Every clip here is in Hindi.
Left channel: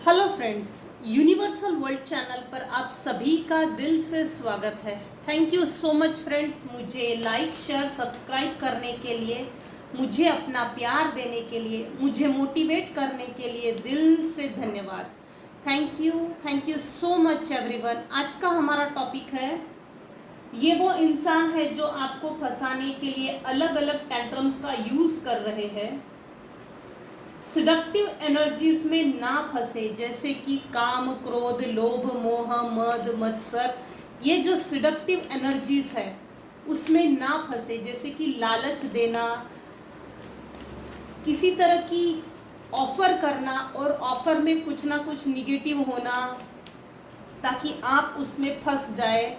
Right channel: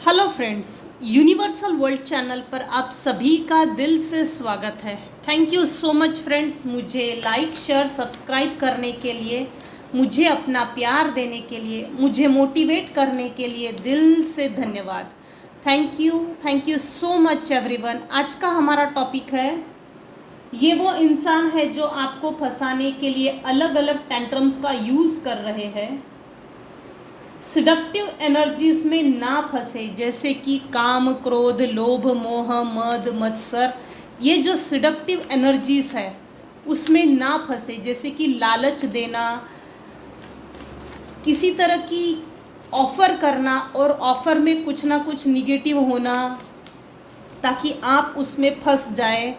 Hello friends, universal world channel पर आप सभी का दिल से स्वागत है। Thank you so much friends, मुझे लाइक शेयर सब्सक्राइब करने के लिए, मुझे अपना प्यार देने के लिए, मुझे मोटिवेट करने के लिए दिल से धन्यवाद। Thank you so much everyone. आज का हमारा टॉपिक है, ये वो इंसान है जो आपको फंसाने के लिए अलग अलग टेंट्रम्स का यूज़ कर रहे हैं। सिडक्टिव एनर्जीज में ना फंसे, जैसे कि काम, क्रोध, लोभ, मोह, मद, मत्सर। ये जो सिडक्टिव एनर्जीज है उसमें ना फंसे, जैसे कि लालच देना, किसी तरह की ऑफर करना और ऑफर में कुछ ना कुछ निगेटिव होना ताकि आप उसमें फंस जाए।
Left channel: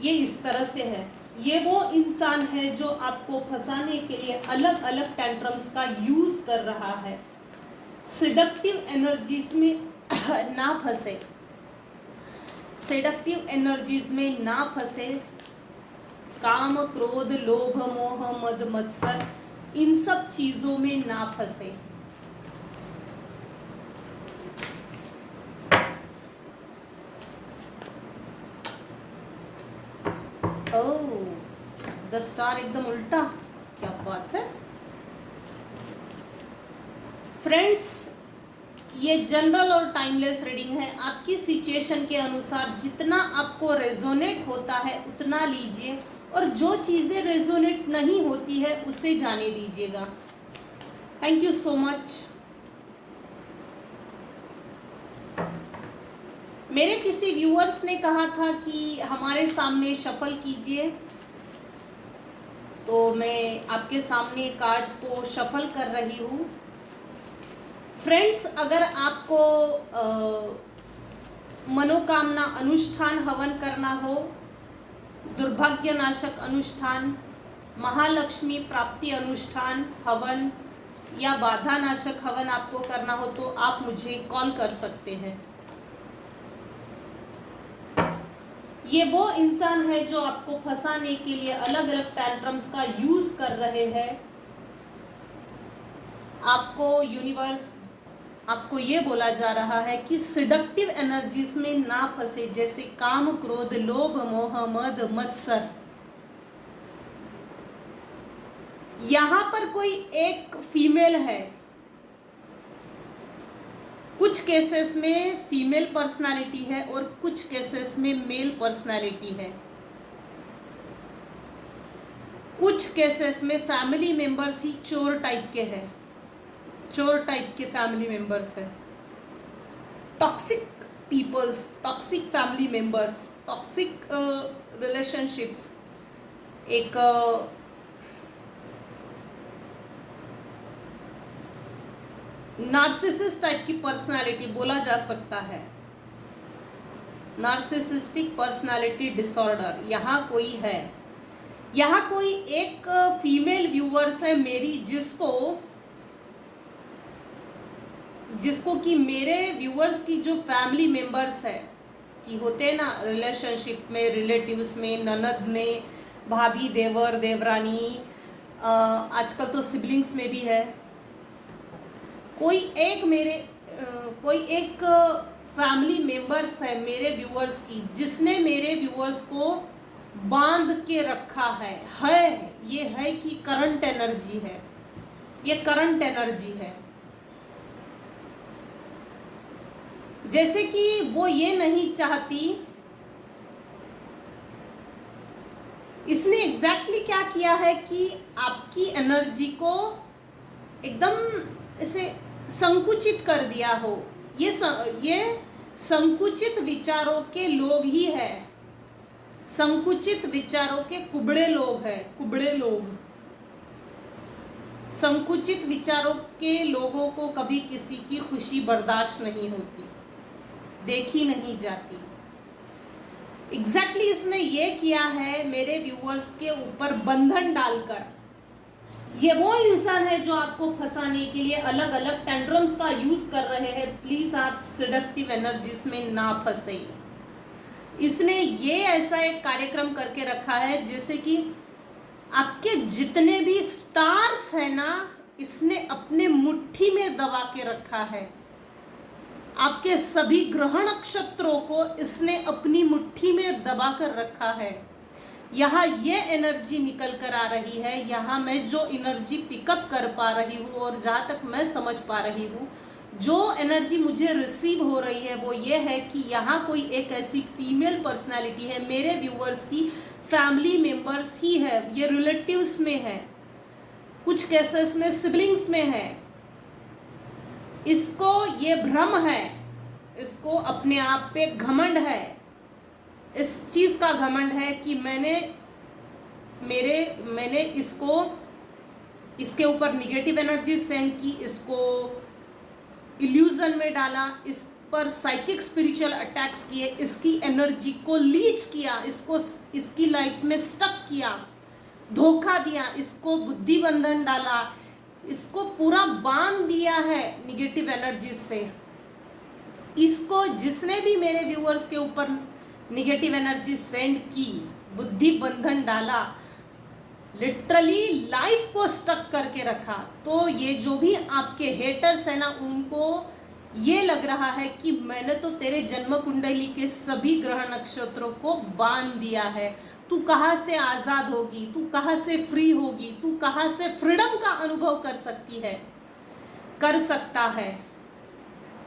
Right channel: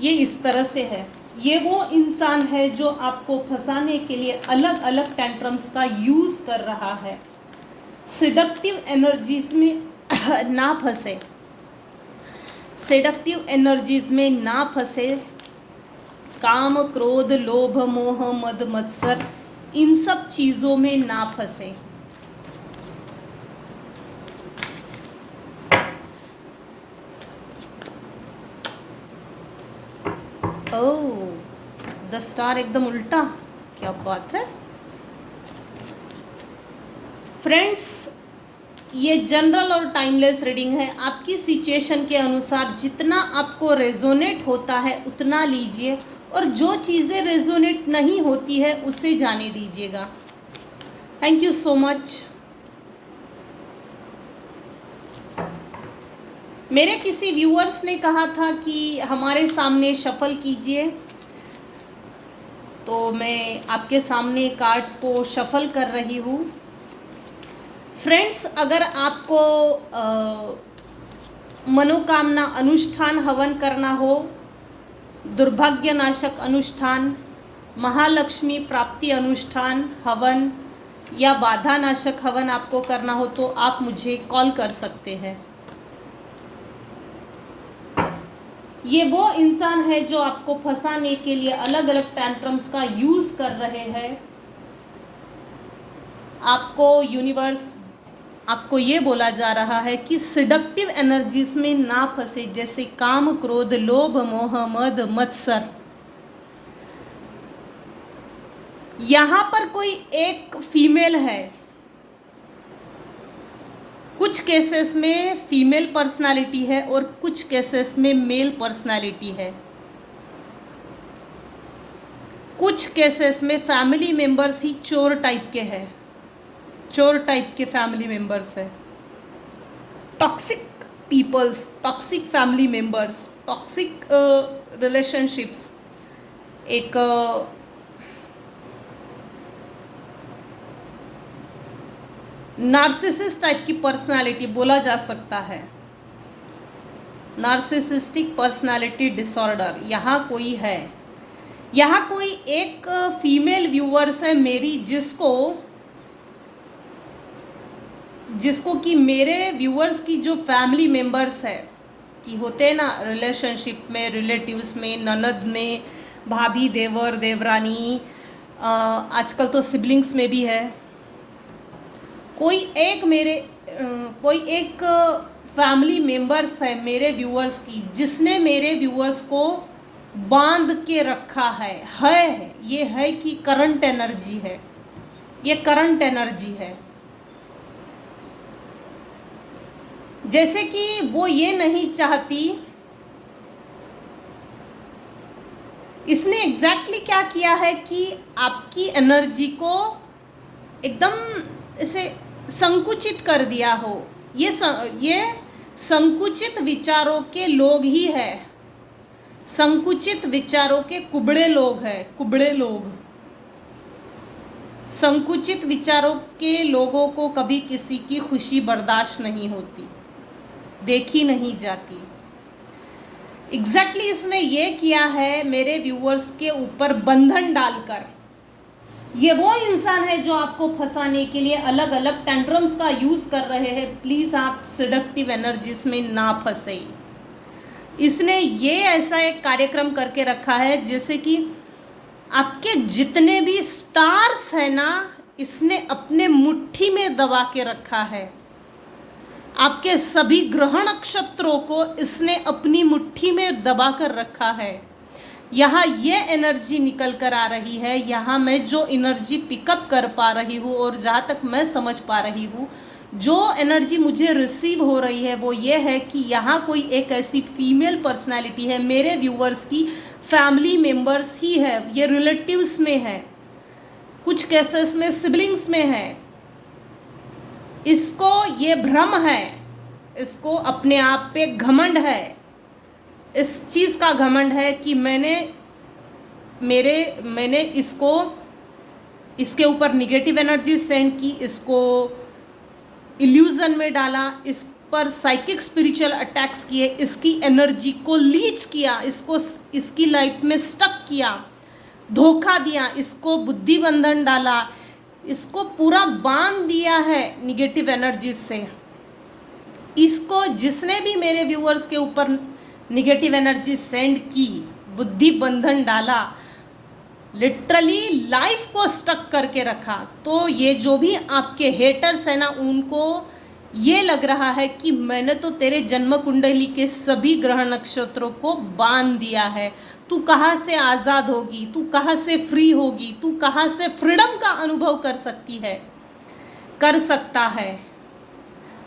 ये इस तरह से है। ये वो इंसान है जो आपको फंसाने के लिए अलग अलग टेंट्रम्स का यूज कर रहा है। सेडक्टिव एनर्जीज में ना फंसे, सेडक्टिव एनर्जीज में ना फंसे। काम, क्रोध, लोभ, मोह, मद, मत्सर, इन सब चीजों में ना फंसे। ओह, द स्टार एकदम उल्टा, क्या बात है फ्रेंड्स। ये जनरल और टाइमलेस रीडिंग है। आपकी सिचुएशन के अनुसार जितना आपको रेजोनेट होता है उतना लीजिए, और जो चीज़ें रेजोनेट नहीं होती है उसे जाने दीजिएगा। Thank you so much. मेरे किसी व्यूअर्स ने कहा था कि हमारे सामने शफल कीजिए, तो मैं आपके सामने कार्ड्स को शफल कर रही हूँ। फ्रेंड्स, अगर आपको मनोकामना अनुष्ठान हवन करना हो, दुर्भाग्य नाशक अनुष्ठान, महालक्ष्मी प्राप्ति अनुष्ठान हवन या बाधा नाशक हवन आपको करना हो तो आप मुझे कॉल कर सकते हैं। ये वो इंसान है जो आपको फंसाने के लिए अलग अलग टेंट्रम्स का यूज कर रहे हैं। आपको यूनिवर्स, आपको ये बोला जा रहा है कि सिडक्टिव एनर्जीज में ना फंसे, जैसे काम, क्रोध, लोभ, मोह, मद, मत्सर। यहां पर कोई एक फीमेल है, कुछ केसेस में फीमेल पर्सनालिटी है और कुछ केसेस में मेल पर्सनालिटी है। कुछ केसेस में फैमिली मेंबर्स ही चोर टाइप के हैं, चोर टाइप के फैमिली मेंबर्स है। Toxic peoples, toxic family members, toxic relationships, एक नार्सिसिस्ट टाइप की पर्सनालिटी बोला जा सकता है। नार्सिसिस्टिक पर्सनालिटी डिसऑर्डर यहाँ कोई है। यहाँ कोई एक फीमेल व्यूअर्स है मेरी, जिसको कि मेरे व्यूअर्स की जो फैमिली मेंबर्स है कि होते हैं ना रिलेशनशिप में, रिलेटिव्स में, ननद में, भाभी, देवर, देवरानी, आजकल तो सिबलिंग्स में भी है। कोई एक फैमिली मेंबर्स है मेरे व्यूअर्स की, जिसने मेरे व्यूअर्स को बांध के रखा है। ये है कि करंट एनर्जी है, ये करंट एनर्जी है। जैसे कि वो ये नहीं चाहती, इसने एग्जैक्टली क्या किया है कि आपकी एनर्जी को एकदम ऐसे संकुचित कर दिया हो। ये संकुचित विचारों के लोग ही है, संकुचित विचारों के कुबड़े लोग हैं, कुबड़े लोग। संकुचित विचारों के लोगों को कभी किसी की खुशी बर्दाश्त नहीं होती, देखी नहीं जाती। एग्जैक्टली इसने ये किया है मेरे व्यूअर्स के ऊपर बंधन डालकर। ये वो इंसान है जो आपको फंसाने के लिए अलग अलग टेंट्रम्स का यूज कर रहे हैं। प्लीज आप सेडक्टिव एनर्जीज में ना फंसे। इसने ये ऐसा एक कार्यक्रम करके रखा है जैसे कि आपके जितने भी स्टार्स है ना, इसने अपने मुट्ठी में दबा के रखा है। आपके सभी ग्रह नक्षत्रों को इसने अपनी मुट्ठी में दबा कर रखा है। यहाँ ये एनर्जी निकल कर आ रही है, यहाँ मैं जो एनर्जी पिकअप कर पा रही हूँ और जहाँ तक मैं समझ पा रही हूँ, जो एनर्जी मुझे रिसीव हो रही है वो ये है कि यहाँ कोई एक ऐसी फीमेल पर्सनालिटी है, मेरे व्यूवर्स की फैमिली मेंबर्स ही है, ये रिलेटिव्स में है, कुछ केसेस में सिबलिंग्स में है। इसको ये भ्रम है, इसको अपने आप पे घमंड है, इस चीज़ का घमंड है कि मैंने इसको, इसके ऊपर निगेटिव एनर्जी सेंड की, इसको इल्यूजन में डाला, इस पर साइकिक स्पिरिचुअल अटैक्स किए, इसकी एनर्जी को लीच किया, इसको इसकी लाइफ में स्टक किया, धोखा दिया, इसको बुद्धि बंधन डाला, इसको पूरा बांध दिया है निगेटिव एनर्जी से। इसको जिसने भी मेरे व्यूअर्स के ऊपर निगेटिव एनर्जी सेंड की, बुद्धि बंधन डाला, लिटरली लाइफ को स्टक करके रखा, तो ये जो भी आपके हेटर्स है ना, उनको ये लग रहा है कि मैंने तो तेरे जन्म कुंडली के सभी ग्रह नक्षत्रों को बांध दिया है, तू कहाँ से आज़ाद होगी, तू कहाँ से फ्री होगी, तू कहाँ से फ्रीडम का अनुभव कर सकती है, कर सकता है।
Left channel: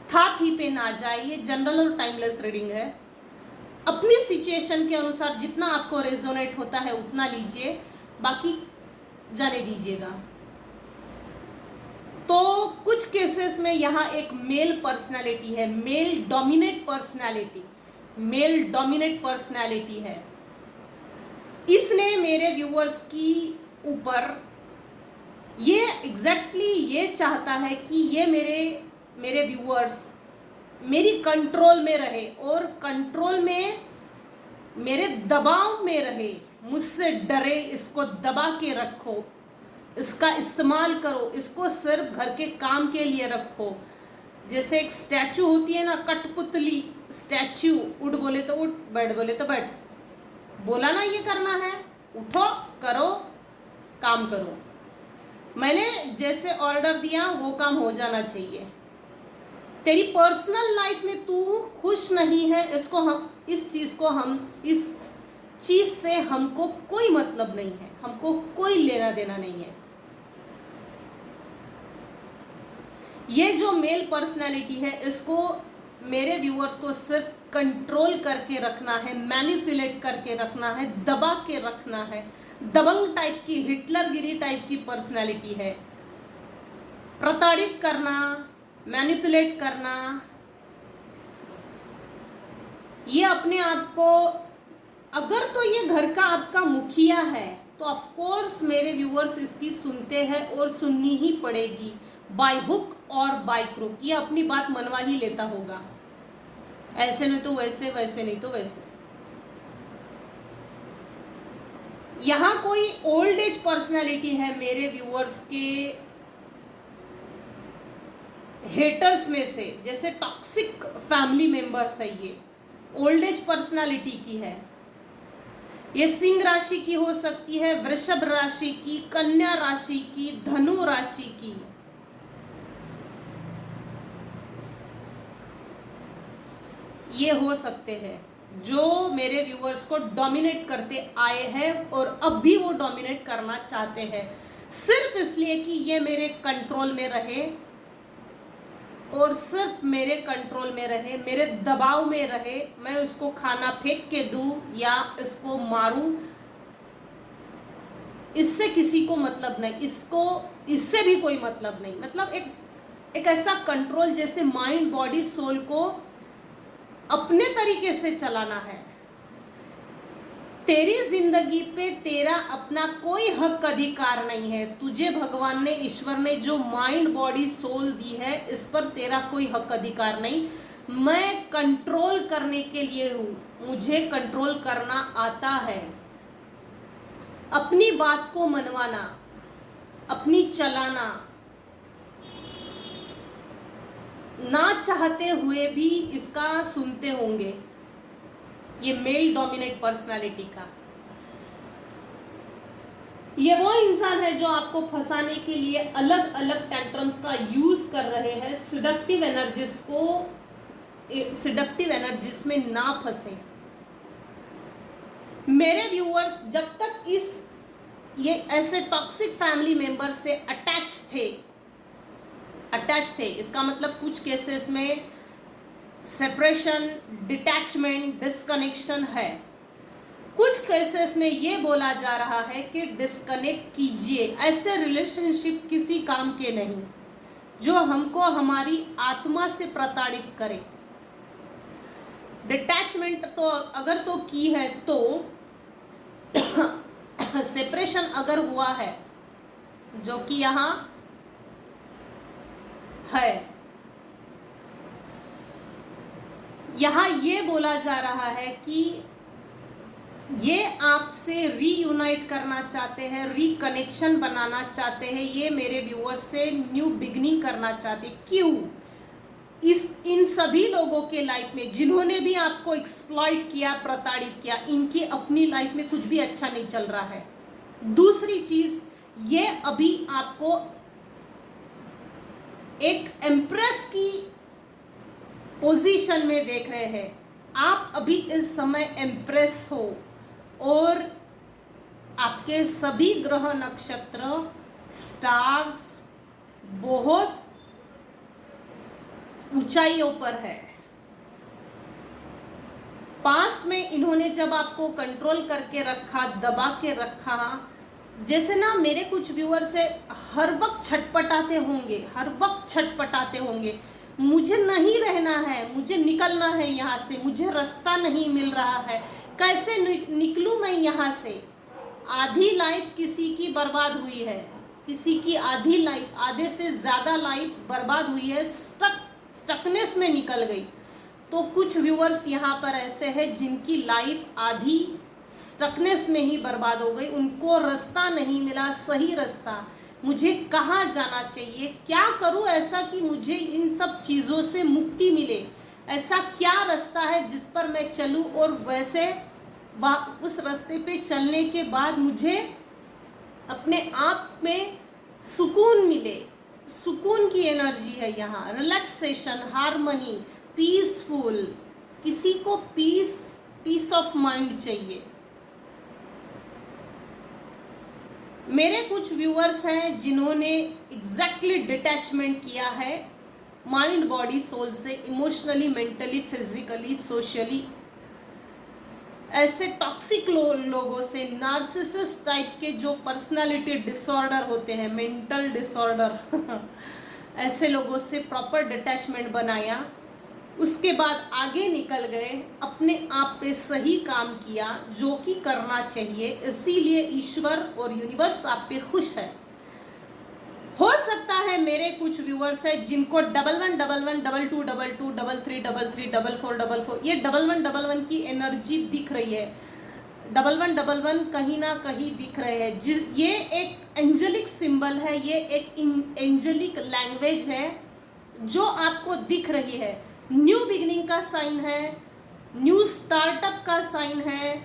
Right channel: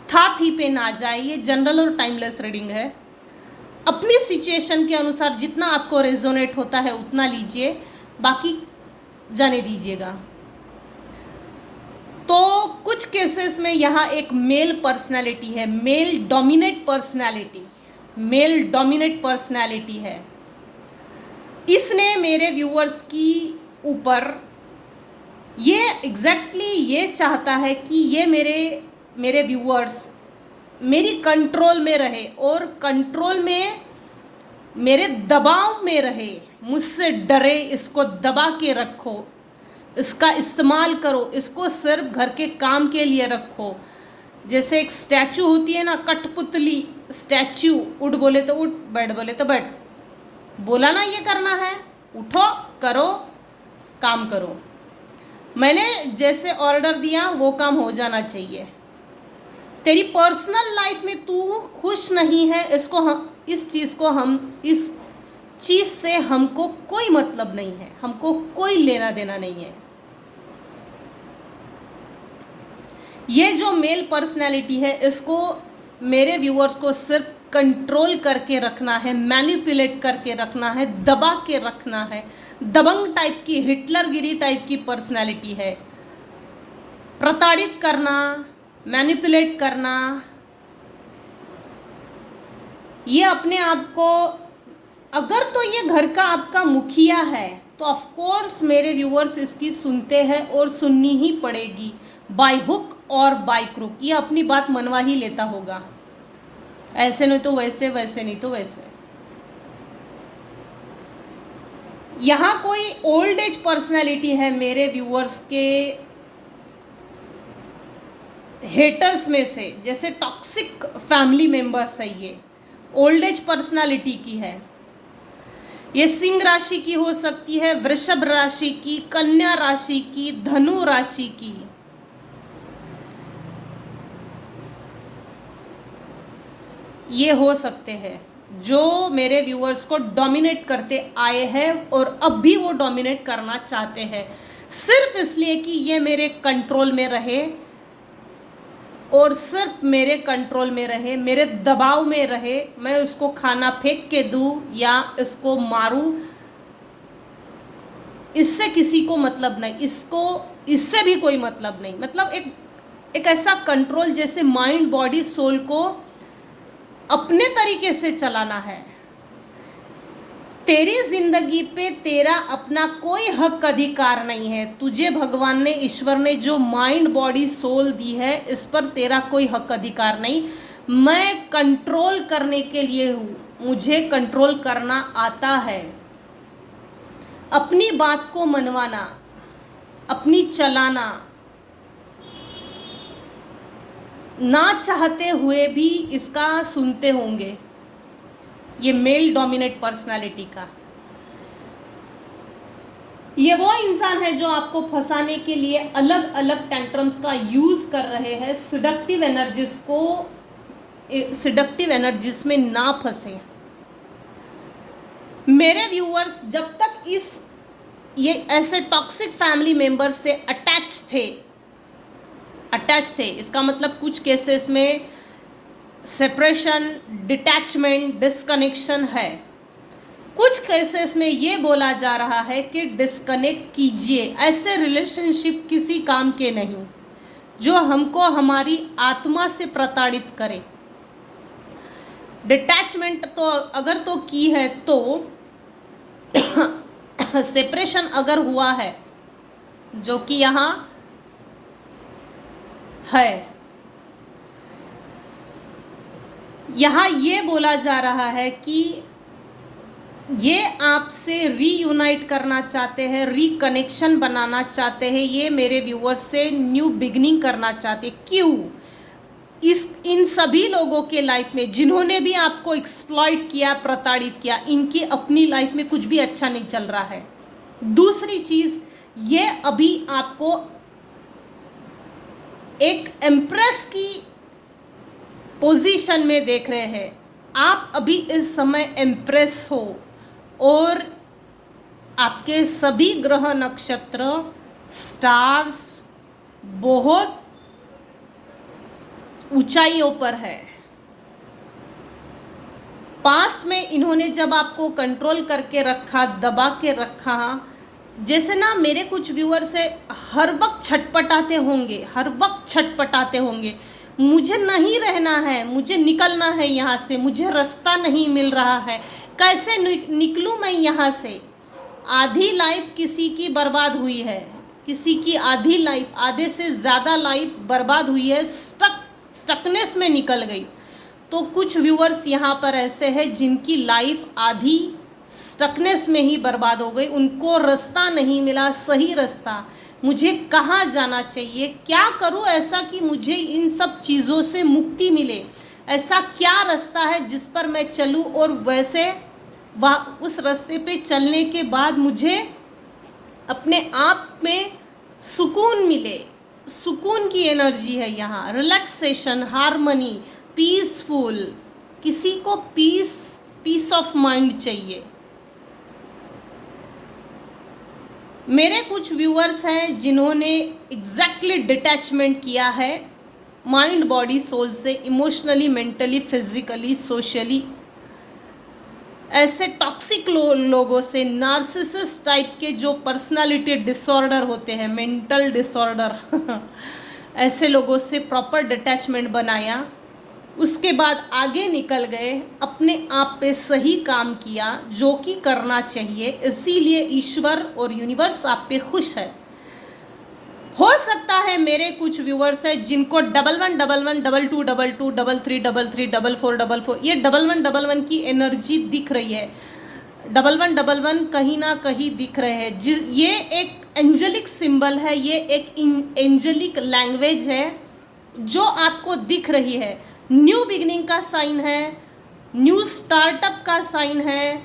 था थी पे ना जाए, ये जनरल और टाइमलेस रीडिंग है। अपनी सिचुएशन के अनुसार जितना आपको रेजोनेट होता है उतना लीजिए, बाकी जाने दीजिएगा। तो कुछ केसेस में यहाँ एक मेल पर्सनालिटी है, मेल डोमिनेट पर्सनालिटी है। इसने मेरे व्यूअर्स की ऊपर ये एग्जैक्टली ये चाहता है कि ये मेरे व्यूअर्स मेरी कंट्रोल में रहे और कंट्रोल में मेरे दबाव में रहे, मुझसे डरे, इसको दबा के रखो, इसका इस्तेमाल करो, इसको सिर्फ घर के काम के लिए रखो। जैसे एक स्टैचू होती है ना, कठपुतली स्टैचू, उठ बोले तो उठ, बैठ बोले तो बैठ, बोला ना ये करना है, उठो, करो, काम करो, मैंने जैसे ऑर्डर दिया वो काम हो जाना चाहिए। तेरी पर्सनल लाइफ में तू खुश नहीं है, इस चीज़ से हमको कोई मतलब नहीं है, हमको कोई लेना देना नहीं है। ये जो मेल पर्सनैलिटी है, इसको मेरे व्यूअर्स को सिर्फ कंट्रोल करके रखना है, मैनिपुलेट करके रखना है, दबा के रखना है। दबंग टाइप की, हिटलरगिरी टाइप की पर्सनैलिटी है। प्रताड़ित करना, मैनिपुलेट करना, ये अपने आप को, अगर तो ये घर का आपका मुखिया है तो ऑफ कोर्स मेरे व्यूअर्स इसकी सुनते हैं और सुननी ही पड़ेगी, बाय हुक और बाय क्रुक। ये अपनी बात मनवा ही लेता होगा, ऐसे नहीं तो वैसे, वैसे नहीं तो वैसे। यहाँ कोई ओल्ड एज पर्सनैलिटी है मेरे व्यूअर्स के हेटर्स में से, जैसे टॉक्सिक फैमिली मेंबर्स है, ये ओल्ड एज पर्सनालिटी की है। ये सिंह राशि की हो सकती है, वृषभ राशि की, कन्या राशि की, धनु राशि की। ये हो सकते हैं जो मेरे व्यूअर्स को डोमिनेट करते आए हैं और अब भी वो डोमिनेट करना चाहते हैं, सिर्फ इसलिए कि ये मेरे कंट्रोल में रहे और सिर्फ मेरे कंट्रोल में रहे, मेरे दबाव में रहे। मैं उसको खाना फेंक के दूं या इसको मारूं, इससे किसी को मतलब नहीं, इससे भी कोई मतलब नहीं। मतलब एक ऐसा कंट्रोल जैसे माइंड बॉडी सोल को अपने तरीके से चलाना है। तेरी जिंदगी पे तेरा अपना कोई हक अधिकार नहीं है। तुझे भगवान ने, ईश्वर ने जो माइंड बॉडी सोल दी है, इस पर तेरा कोई हक अधिकार नहीं। मैं कंट्रोल करने के लिए हूँ, मुझे कंट्रोल करना आता है। अपनी बात को मनवाना, अपनी चलाना, ना चाहते हुए भी इसका सुनते होंगे। ये मेल डोमिनेट पर्सनालिटी का, ये वो इंसान है जो आपको फंसाने के लिए अलग अलग टेंट्रम्स का यूज कर रहे हैं, सिडक्टिव एनर्जीज को सिडक्टिव एनर्जीज में ना फंसे। मेरे व्यूअर्स जब तक ये ऐसे टॉक्सिक फैमिली मेंबर से अटैच थे, इसका मतलब कुछ केसेस में सेपरेशन, डिटैचमेंट, डिस्कनेक्शन है। कुछ केसेस में ये बोला जा रहा है कि डिस्कनेक्ट कीजिए, ऐसे रिलेशनशिप किसी काम के नहीं जो हमको हमारी आत्मा से प्रताड़ित करे। डिटैचमेंट तो अगर तो की है तो सेपरेशन अगर हुआ है, जो कि यहाँ है, यहाँ ये बोला जा रहा है कि ये आपसे रीयूनाइट करना चाहते हैं, रिकनेक्शन बनाना चाहते हैं, ये मेरे व्यूअर्स से न्यू बिगनिंग करना चाहते हैं। क्यों? इन सभी लोगों के लाइफ में जिन्होंने भी आपको एक्सप्लॉइट किया, प्रताड़ित किया, इनकी अपनी लाइफ में कुछ भी अच्छा नहीं चल रहा है। दूसरी चीज, ये अभी आपको एक एम्प्रेस की पोजीशन में देख रहे हैं। आप अभी इस समय एम्प्रेस हो और आपके सभी ग्रह नक्षत्र, स्टार्स बहुत ऊंचाइयों पर है। पास्ट में इन्होंने जब आपको कंट्रोल करके रखा, दबा के रखा, जैसे ना मेरे कुछ व्यूअर से हर वक्त छटपटाते होंगे, मुझे नहीं रहना है, मुझे निकलना है यहाँ से, मुझे रास्ता नहीं मिल रहा है, कैसे निकलूं मैं यहाँ से। आधी लाइफ किसी की बर्बाद हुई है, किसी की आधी लाइफ, आधे से ज़्यादा लाइफ बर्बाद हुई है, स्टकनेस में निकल गई। तो कुछ व्यूअर्स यहाँ पर ऐसे हैं जिनकी लाइफ आधी स्टकनेस में ही बर्बाद हो गई, उनको रास्ता नहीं मिला, सही रास्ता, मुझे कहाँ जाना चाहिए, क्या करूँ ऐसा कि मुझे इन सब चीज़ों से मुक्ति मिले, ऐसा क्या रास्ता है जिस पर मैं चलूँ और वैसे उस रास्ते पे चलने के बाद मुझे अपने आप में सुकून मिले। सुकून की एनर्जी है यहाँ, रिलैक्सेशन, हार्मनी, पीसफुल। किसी को पीस ऑफ माइंड चाहिए। मेरे कुछ व्यूअर्स हैं जिन्होंने एग्जैक्टली डिटैचमेंट किया है माइंड, बॉडी, सोल से, इमोशनली, मेंटली, फिजिकली, सोशली। ऐसे टॉक्सिक लोगों से, नार्सिसिस्ट टाइप के जो पर्सनालिटी डिसऑर्डर होते हैं, मेंटल डिसऑर्डर ऐसे लोगों से प्रॉपर डिटैचमेंट बनाया। उसके बाद आगे निकल गए, अपने आप पे सही काम किया जो कि करना चाहिए, इसीलिए ईश्वर और यूनिवर्स आप पे खुश है। हो सकता है मेरे कुछ व्यूअर्स हैं जिनको 1111 22 22 33 33 44 44 ये 1111 की एनर्जी दिख रही है। 1111 कहीं ना कहीं दिख रहे हैं। ये एक एंजेलिक सिंबल है, ये एक एंजेलिक लैंग्वेज है जो आपको दिख रही है। न्यू बिगिनिंग का साइन है, न्यू स्टार्टअप का साइन है।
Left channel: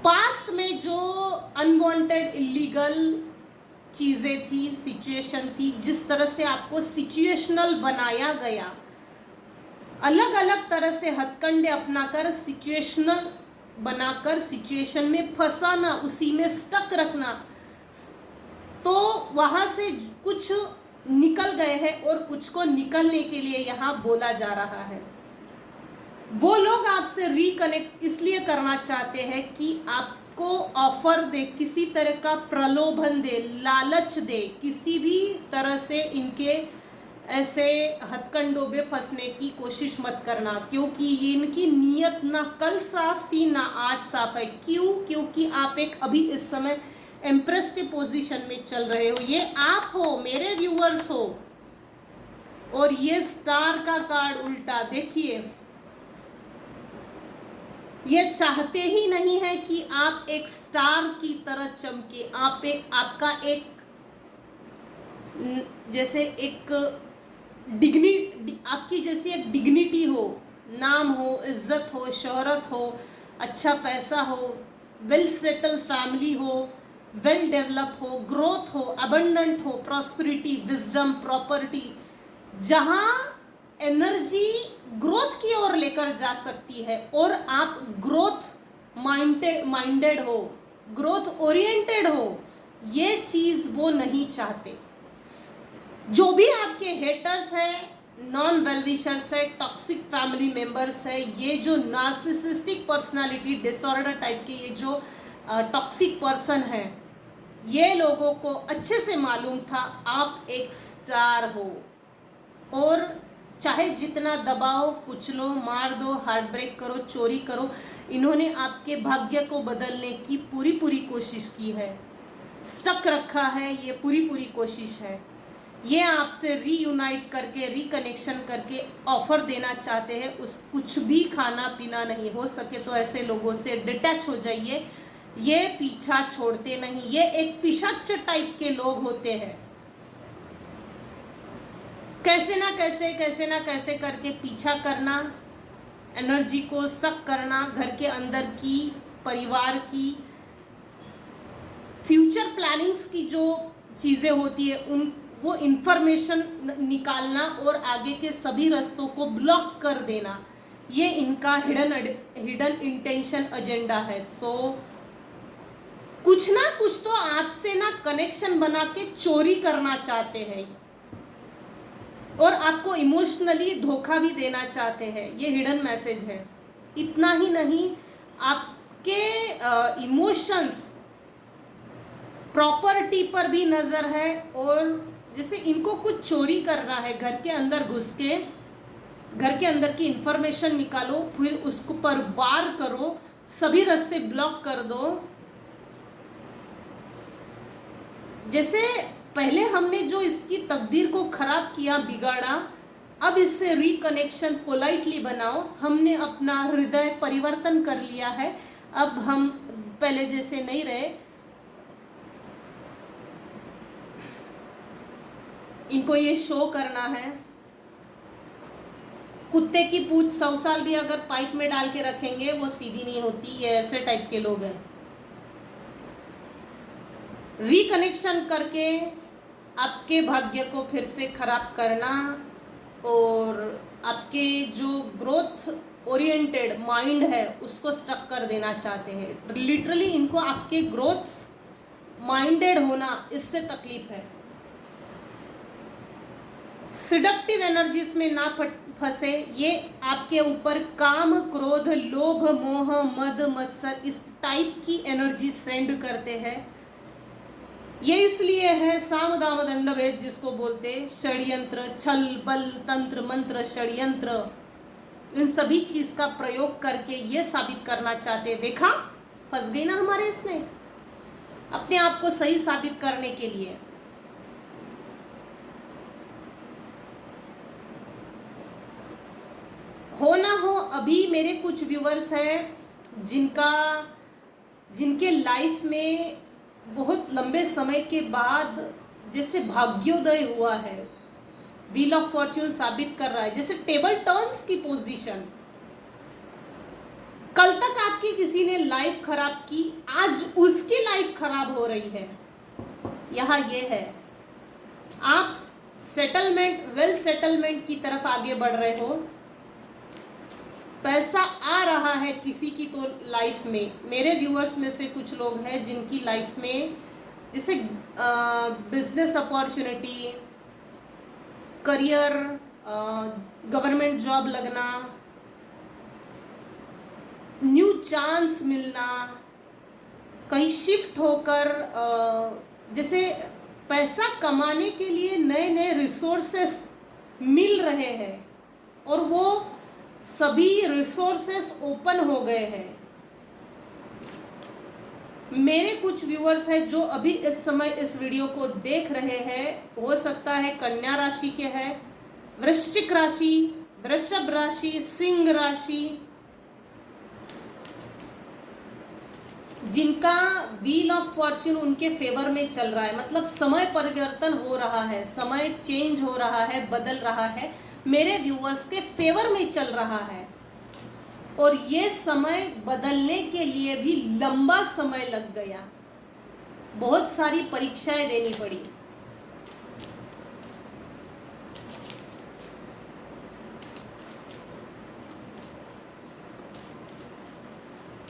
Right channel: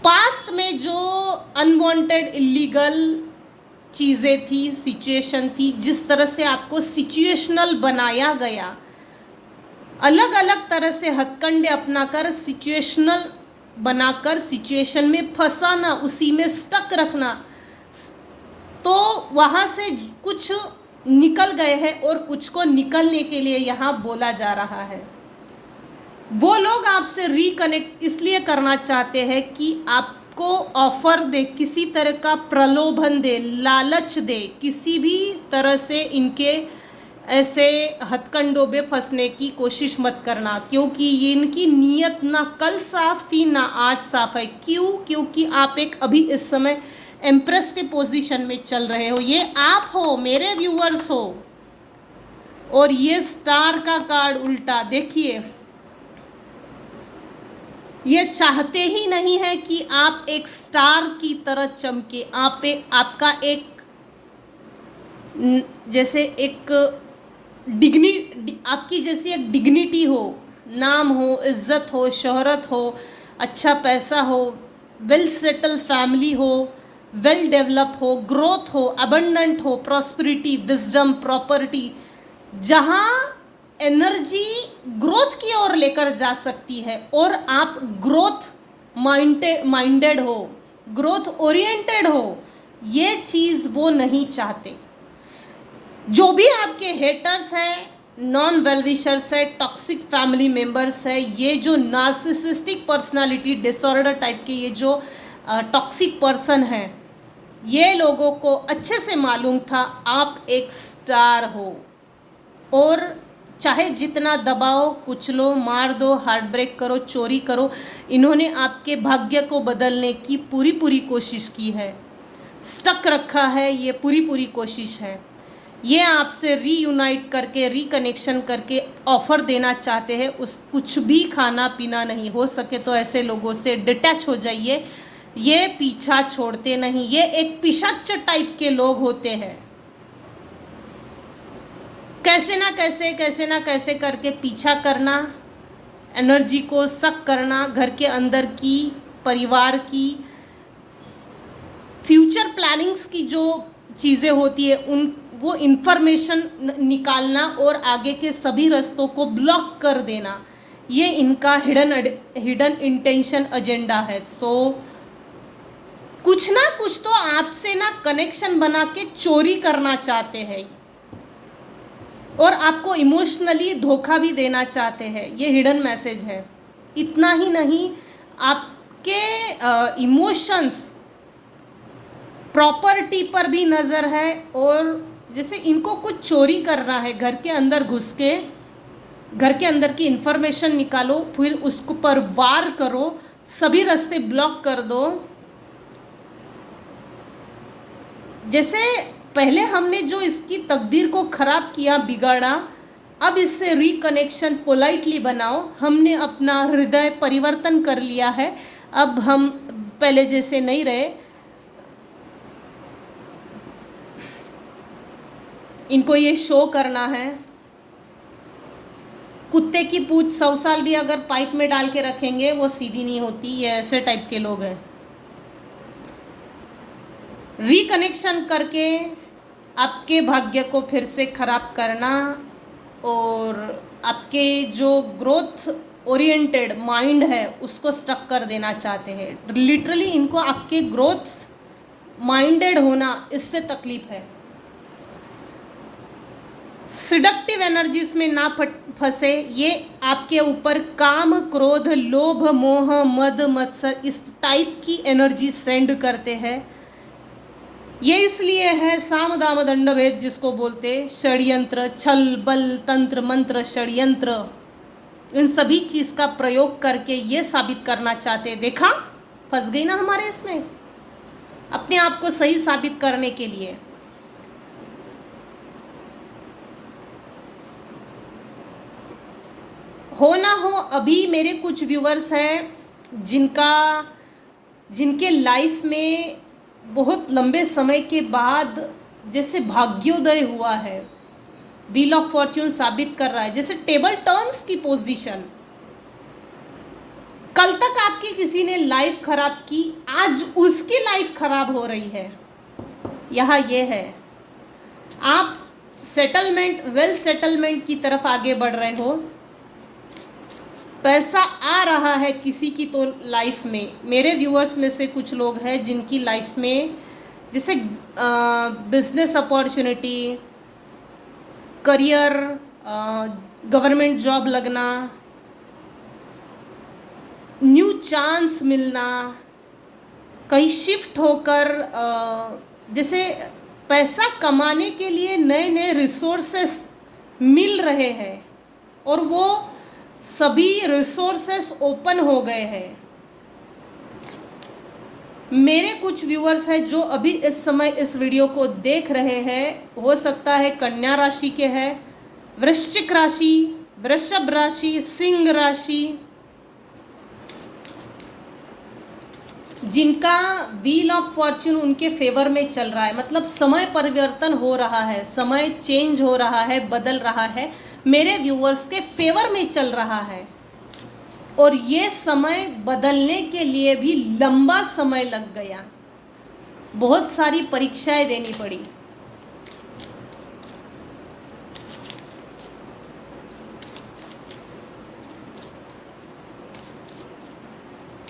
पास्ट में जो अनवांटेड, इलीगल चीज़ें थी, सिचुएशन थी, जिस तरह से आपको सिचुएशनल बनाया गया, अलग अलग तरह से हथकंडे अपनाकर सिचुएशनल बनाकर सिचुएशन में फंसाना, उसी में स्टक रखना, तो वहाँ से कुछ निकल गए हैं और कुछ को निकलने के लिए यहाँ बोला जा रहा है। वो लोग आपसे रिकनेक्ट इसलिए करना चाहते हैं कि आपको ऑफर दे, किसी तरह का प्रलोभन दे, लालच दे, किसी भी तरह से इनके ऐसे हथकंडों में फंसने की कोशिश मत करना, क्योंकि ये इनकी नीयत ना कल साफ थी ना आज साफ है। क्यों? क्योंकि आप एक अभी इस समय एम्प्रेस के पोजीशन में चल रहे हो। ये आप हो, मेरे व्यूअर्स हो। और ये स्टार का कार्ड उल्टा देखिए, ये चाहते ही नहीं है कि आप एक स्टार की तरह चमके। आपका एक जैसे एक आपकी जैसी एक डिग्निटी हो, नाम हो, इज्जत हो, शोहरत हो, अच्छा पैसा हो, वेल सेटल फैमिली हो, वेल डेवलप हो, ग्रोथ हो, अबंडेंट हो, प्रॉस्पेरिटी, विजडम, प्रॉपर्टी, जहाँ एनर्जी ग्रोथ की ओर लेकर जा सकती है और आप ग्रोथ माइंडेड हो, ग्रोथ ओरिएंटेड हो, ये चीज वो नहीं चाहते। जो भी आपके हेटर्स हैं, नॉन वेलविशर्स है, टॉक्सिक फैमिली मेंबर्स है, ये जो नार्सिसिस्टिक पर्सनालिटी डिसऑर्डर टाइप के ये जो टॉक्सिक पर्सन है, ये लोगों को अच्छे से मालूम था आप एक स्टार हो और चाहे जितना दबाओ, कुचलो, मार दो, हार्ट ब्रेक करो, चोरी करो, इन्होंने आपके भाग्य को बदलने की पूरी कोशिश की है, स्टक रखा है, ये पूरी कोशिश है। ये आपसे रीयूनाइट करके, रिकनेक्शन करके ऑफर देना चाहते हैं। उस कुछ भी खाना पीना नहीं, हो सके तो ऐसे लोगों से डिटैच हो जाइए, ये पीछा छोड़ते नहीं, ये एक पिशाच टाइप के लोग होते हैं। कैसे ना कैसे करके पीछा करना, एनर्जी को सक करना, घर के अंदर की, परिवार की, फ्यूचर प्लानिंग्स की जो चीज़ें होती है उन वो इंफॉर्मेशन निकालना और आगे के सभी रास्तों को ब्लॉक कर देना, ये इनका हिडन इंटेंशन एजेंडा है। तो कुछ ना कुछ तो आपसे ना कनेक्शन बना के चोरी करना चाहते हैं और आपको इमोशनली धोखा भी देना चाहते हैं, ये हिडन मैसेज है। इतना ही नहीं, आपके इमोशंस, प्रॉपर्टी पर भी नज़र है और जैसे इनको कुछ चोरी करना है, घर के अंदर घुस के घर के अंदर की इंफॉर्मेशन निकालो, फिर उसको पर वार करो, सभी रास्ते ब्लॉक कर दो। जैसे पहले हमने जो इसकी तकदीर को खराब किया, बिगाड़ा, अब इससे रिकनेक्शन पोलाइटली बनाओ। हमने अपना हृदय परिवर्तन कर लिया है, अब हम पहले जैसे नहीं रहे। इनको ये शो करना है। कुत्ते की पूंछ 100 साल भी अगर पाइप में डाल के रखेंगे वो सीधी नहीं होती, ये ऐसे टाइप के लोग हैं। रिकनेक्शन करके आपके भाग्य को फिर से खराब करना और आपके जो ग्रोथ ओरिएंटेड माइंड है उसको स्टक कर देना चाहते हैं। लिटरली इनको आपके ग्रोथ माइंडेड होना, इससे तकलीफ है। सिडक्टिव एनर्जीज में ना फंसे, ये आपके ऊपर काम, क्रोध, लोभ, मोह, मद, मत्सर, इस टाइप की एनर्जी सेंड करते हैं। ये इसलिए है साम दाम दंड भेद जिसको बोलते, षड्यंत्र, छल बल, तंत्र मंत्र, षड्यंत्र, इन सभी चीज का प्रयोग करके ये साबित करना चाहते। देखा, फंस गई ना हमारे इसमें, अपने आप को सही साबित करने के लिए। हो ना हो, अभी मेरे कुछ व्यूवर्स हैं जिनके लाइफ में बहुत लंबे समय के बाद जैसे भाग्योदय हुआ है, व्हील ऑफ फॉर्च्यून साबित कर रहा है, जैसे टेबल टर्न्स की पोजीशन। कल तक आपकी किसी ने लाइफ खराब की, आज उसकी लाइफ खराब हो रही है। यहाँ ये है, आप सेटलमेंट, वेल सेटलमेंट की तरफ आगे बढ़ रहे हो, पैसा आ रहा है किसी की तो लाइफ में। मेरे व्यूअर्स में से कुछ लोग हैं जिनकी लाइफ में जैसे business opportunity, career, government job लगना, न्यू चांस मिलना, कहीं शिफ्ट होकर जैसे पैसा कमाने के लिए नए नए रिसोर्सेस मिल रहे हैं और वो सभी रिसोर्सेस ओपन हो गए हैं। मेरे कुछ व्यूअर्स हैं जो अभी इस समय इस वीडियो को देख रहे हैं, हो सकता है कन्या राशि के हैं, वृश्चिक राशि, वृषभ राशि, सिंह राशि, जिनका व्हील ऑफ फॉर्च्यून उनके फेवर में चल रहा है। मतलब समय परिवर्तन हो रहा है, समय चेंज हो रहा है, बदल रहा है, मेरे व्यूअर्स के फेवर में चल रहा है। और ये समय बदलने के लिए भी लंबा समय लग गया, बहुत सारी परीक्षाएं देनी पड़ी।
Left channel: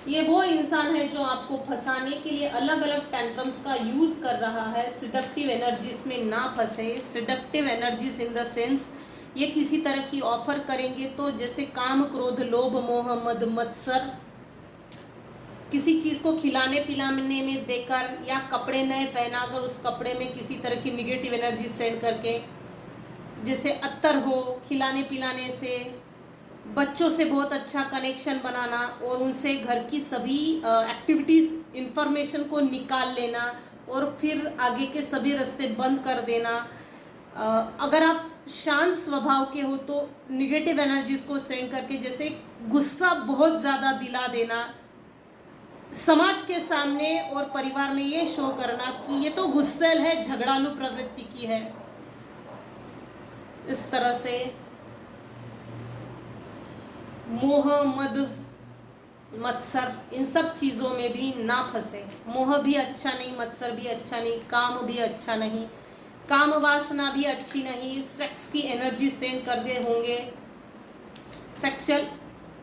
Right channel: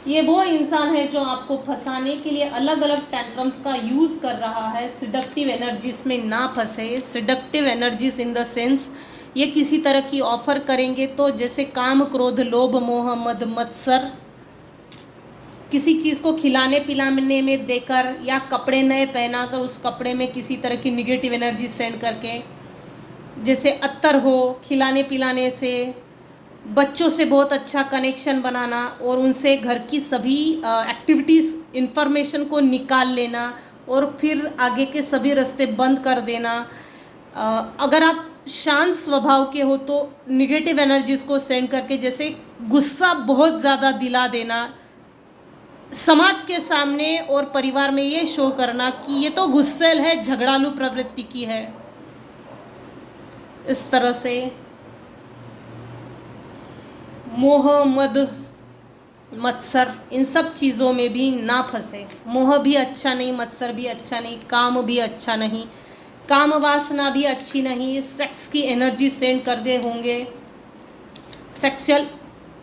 ये वो इंसान है जो आपको फंसाने के लिए अलग अलग टेंट्रम्स का यूज कर रहा है। सिडक्टिव एनर्जीज में ना फंसे। Seductive energies in the sense ये किसी तरह की ऑफर करेंगे तो जैसे काम, क्रोध, लोभ, मोह, मद, मत्सर, किसी चीज को खिलाने पिलाने में देकर या कपड़े नए पहनाकर उस कपड़े में किसी तरह की निगेटिव एनर्जी सेंड करके, जैसे अत्तर हो, खिलाने पिलाने से, बच्चों से बहुत अच्छा कनेक्शन बनाना और उनसे घर की सभी एक्टिविटीज़ इंफॉर्मेशन को निकाल लेना और फिर आगे के सभी रास्ते बंद कर देना। अगर आप शांत स्वभाव के हो तो निगेटिव एनर्जीज को सेंड करके जैसे गुस्सा बहुत ज़्यादा दिला देना, समाज के सामने और परिवार में ये शो करना कि ये तो गुस्सेल है, झगड़ालू प्रवृत्ति की है। इस तरह से मोह, मद, मत्सर, इन सब चीज़ों में भी ना फंसे। मोह भी अच्छा नहीं, मत्सर भी अच्छा नहीं, काम भी अच्छा नहीं, काम वासना भी अच्छी नहीं। सेक्स की एनर्जी सेंड कर दे होंगे, सेक्सुअल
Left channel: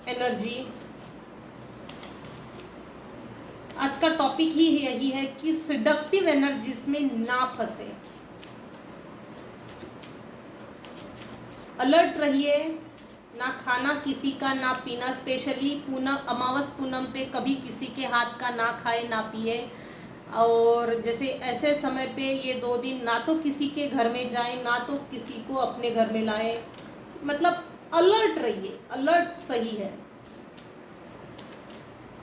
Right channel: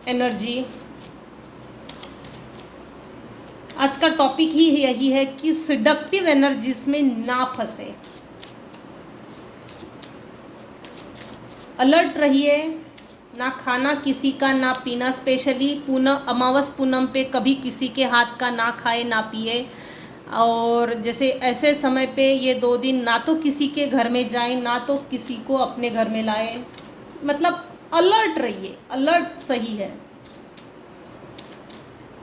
एनर्जी। आज का टॉपिक ही यही है कि सिडक्टिव एनर्जीज में ना फंसे। अलर्ट रहिए। ना खाना किसी का, ना पीना, स्पेशली पूनम, अमावस पूनम पे कभी किसी के हाथ का ना खाए ना पिए। और जैसे ऐसे समय पे ये 2 दिन ना तो किसी के घर में जाए ना तो किसी को अपने घर में लाए। मतलब अलर्ट रहिए, अलर्ट सही है।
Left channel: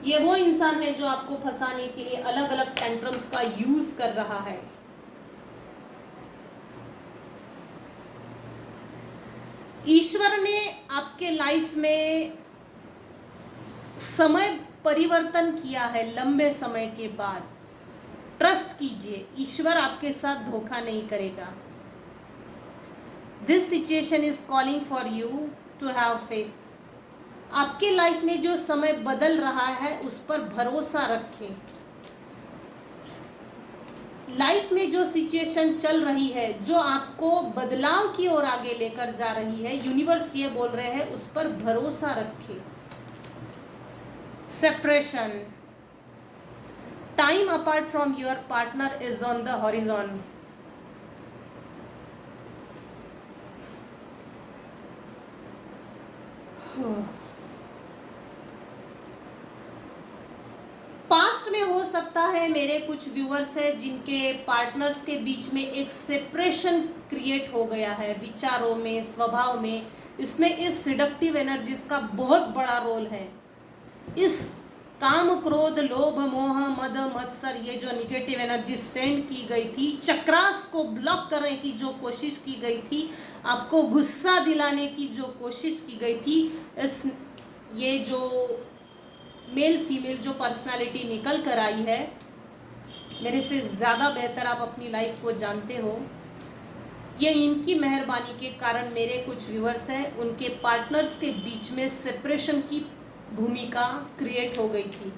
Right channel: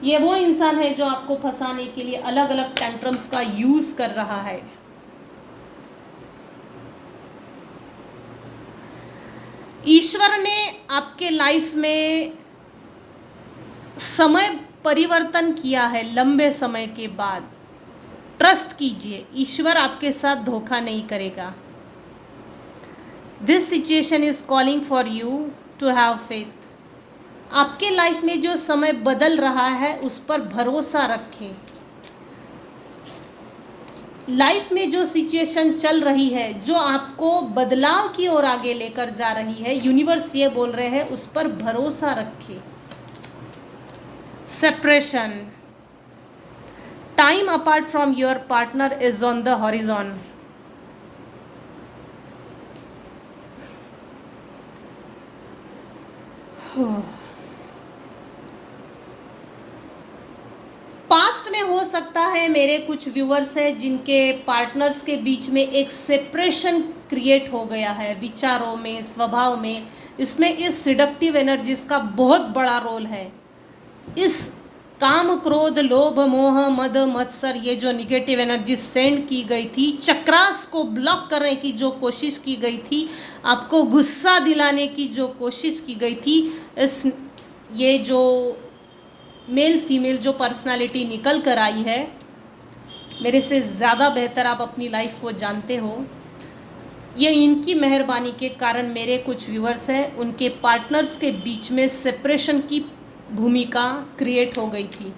ये वो इंसान है जो आपको फंसाने के लिए अलग अलग टेंट्रम्स का यूज कर रहा है। ईश्वर ने आपके लाइफ में समय परिवर्तन किया है लंबे समय के बाद। ट्रस्ट कीजिए, ईश्वर आपके साथ धोखा नहीं करेगा। This situation is calling for you to have faith. आपके लाइफ में जो समय बदल रहा है उस पर भरोसा रखें। लाइफ में जो सिचुएशन चल रही है, जो आपको बदलाव की ओर आगे लेकर जा रही है, यूनिवर्स ये बोल रहे हैं उस पर भरोसा रखें। Separation, time apart from your partner is on the horizon. Past में हो सकता है मेरे कुछ व्यूअर्स हैं जिनके पार्टनर्स के बीच में एक सेपरेशन क्रिएट हो गया है, विचारों में, स्वभाव में। इसमें इस सिडक्टिव एनर्जीज का बहुत बड़ा रोल है। इस काम, क्रोध, लोभ, मोह, मद, मत्सर, ये जो निगेटिव एनर्जी सेंड की गई थी, चक्रास को ब्लॉक करने की जो कोशिश की गई थी, आपको गुस्सा दिलाने की जो कोशिश की गई थी, इस ये जो मेल फीमेल जो पर्सनालिटी निकल कर आई है, मेरे से ज़्यादा बेहतर आप अपनी लाइफ को जानते हो। ये इनकी मेहरबानी के कारण मेरे कुछ व्यूअर्स हैं, उनके पार्टनर्स के बीच में सेपरेशन की भूमिका क्रिएट हो गई थी।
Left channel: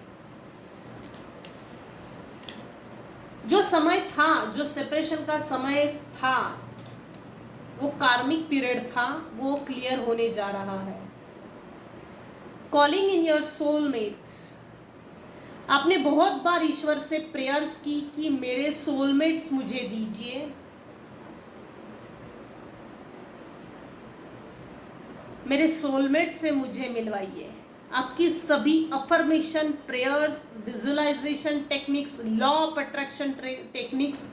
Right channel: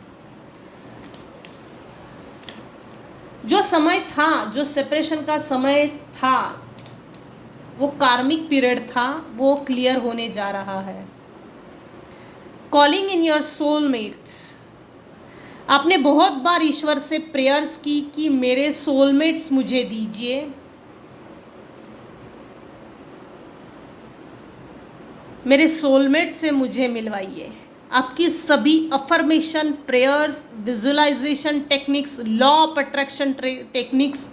जो समय था, जो सेपरेशन का समय था, वो कार्मिक पीरियड था, वो क्लियर होने जा रहा है। Calling in your soulmates. आपने बहुत बार ईश्वर से प्रेयर्स की कि मेरे सोलमेट्स मुझे दीजिए। मेरे सोलमेट से मुझे मिलवाइए। आपकी सभी affirmation, prayers, visualisation techniques, law of attraction techniques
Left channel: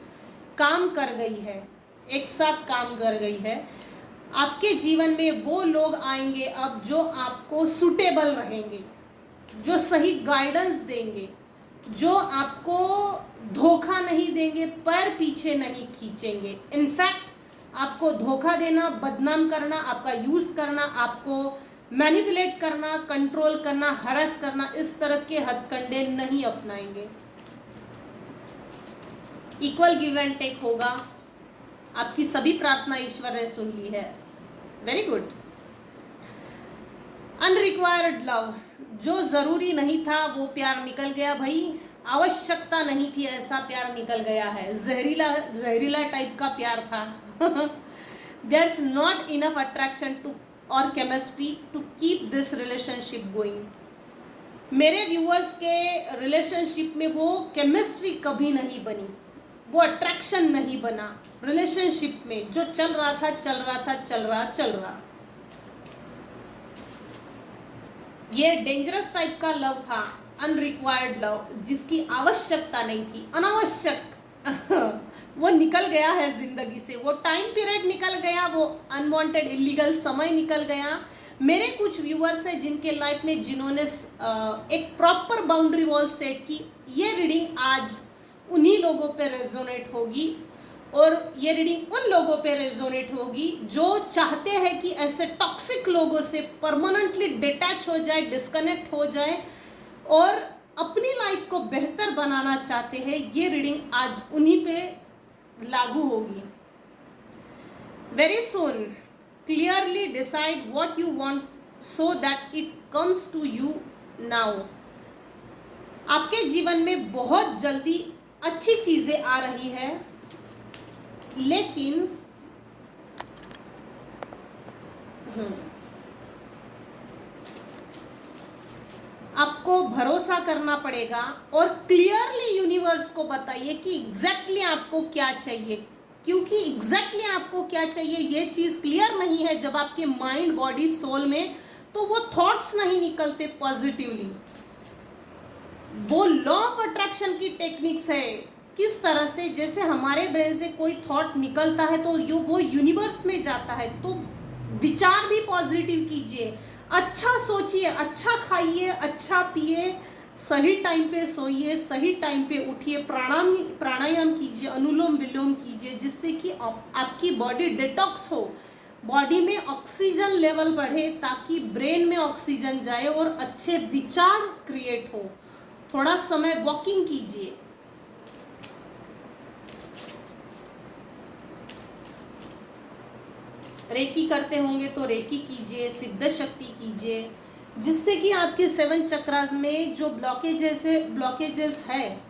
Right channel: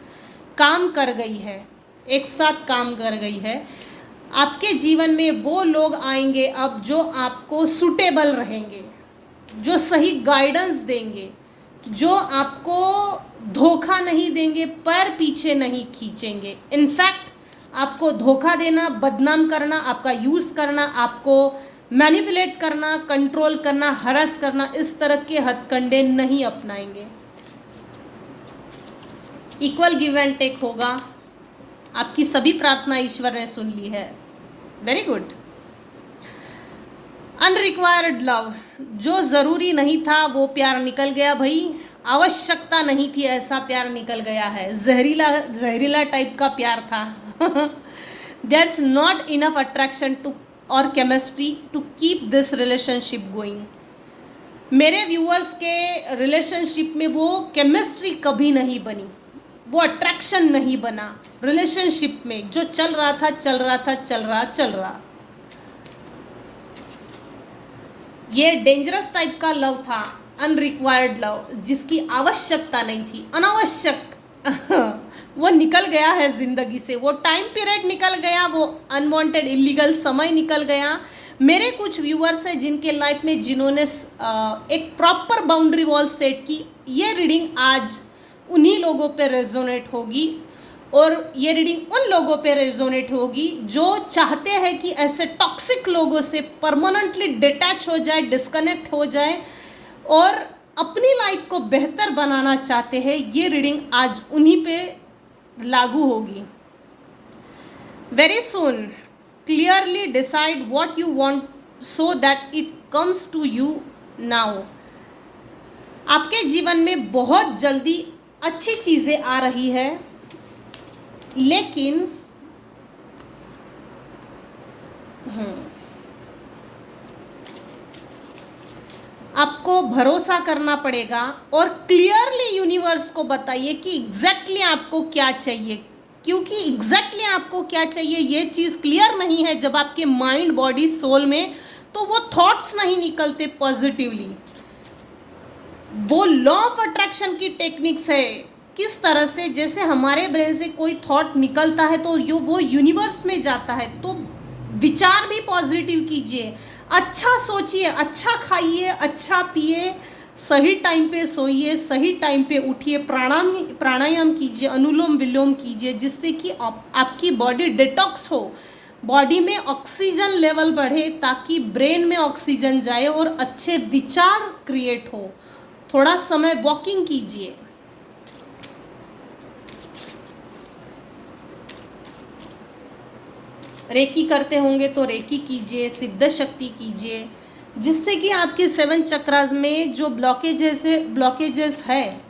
काम कर गई है, एक साथ काम कर गई है। आपके जीवन में वो लोग आएंगे अब जो आपको सूटेबल रहेंगे, जो सही गाइडेंस देंगे, जो आपको धोखा नहीं देंगे, पैर पीछे नहीं खींचेंगे। इनफैक्ट आपको धोखा देना, बदनाम करना, आपका यूज़ करना, आपको मैनिपुलेट करना, कंट्रोल करना, हरास करना, इस तरह के हथकंडे नहीं अपनाएंगे। इक्वल गिव एंड टेक होगा। आपकी सभी प्रार्थना ईश्वर ने सुन ली है। Very good. अनरिक्वायर्ड लव, जो ज़रूरी नहीं था वो प्यार निकल गया भाई। आवश्यकता नहीं थी ऐसा प्यार निकल गया है। जहरीला टाइप का प्यार था। There's not enough attraction too और chemistry to keep this relationship going. मेरे व्यूअर्स के रिलेशनशिप में वो केमिस्ट्री कभी नहीं बनी, वो अट्रैक्शन नहीं बना रिलेशनशिप में। जो चल रहा था चल रहा था चल रहा। ये डेंजरस टाइप का लव था, अनरिक्वायर्ड लव, जिसकी आवश्यकता नहीं थी, अनावश्यक वो निकल गया है जिंदगी से, वो टाइम पीरियड निकल गया, वो अनवांटेड इलीगल समय निकल गया। मेरे कुछ व्यूअर्स हैं जिनके लाइफ में जिन्होंने एक प्रॉपर बाउंड्री वॉल सेट की, ये रीडिंग आज उन्हीं लोगों पे रेजोनेट होगी। और ये रीडिंग उन लोगों पे रेजोनेट होगी जो चाहते हैं कि ऐसे टॉक्सिक लोगों से परमानेंटली डिटैच हो जाए, डिस्कनेक्ट हो जाए और अपनी लाइफ को बेहतर बनाना चाहते हैं। ये रीडिंग आज उन्हीं पे लागू होगी। Very soon clearly decide what you want so that it comes to you now. आपके जीवन में बहुत जल्दी अच्छी चीजें आ रही है, लेकिन आपको भरोसा करना पड़ेगा और क्लियरली यूनिवर्स को बताइए कि एग्जैक्टली आपको क्या चाहिए, क्योंकि एग्जैक्टली आपको क्या चाहिए ये चीज क्लियर नहीं है जब आपके माइंड बॉडी सोल में, तो वो थॉट्स नहीं निकलते पॉजिटिवली। वो लॉ ऑफ अट्रैक्शन की टेक्निक्स है, किस तरह से जैसे हमारे ब्रेन से कोई थॉट निकलता है तो वो यूनिवर्स में जाता है। तो विचार भी पॉजिटिव कीजिए, अच्छा सोचिए, अच्छा खाइए, अच्छा पिए, सही टाइम पे सोइए, सही टाइम पे उठिए, प्राणायाम कीजिए, अनुलोम विलोम कीजिए, जिससे कि आपकी बॉडी डिटॉक्स हो, बॉडी में ऑक्सीजन लेवल बढ़े, ताकि ब्रेन में ऑक्सीजन जाए और अच्छे विचार क्रिएट हो। थोड़ा समय वॉकिंग कीजिए। रेकी करते होंगे तो रेकी कीजिए, सिद्ध शक्ति कीजिए, जिससे कि आपके 7 चक्रास में जो ब्लॉकेजेस है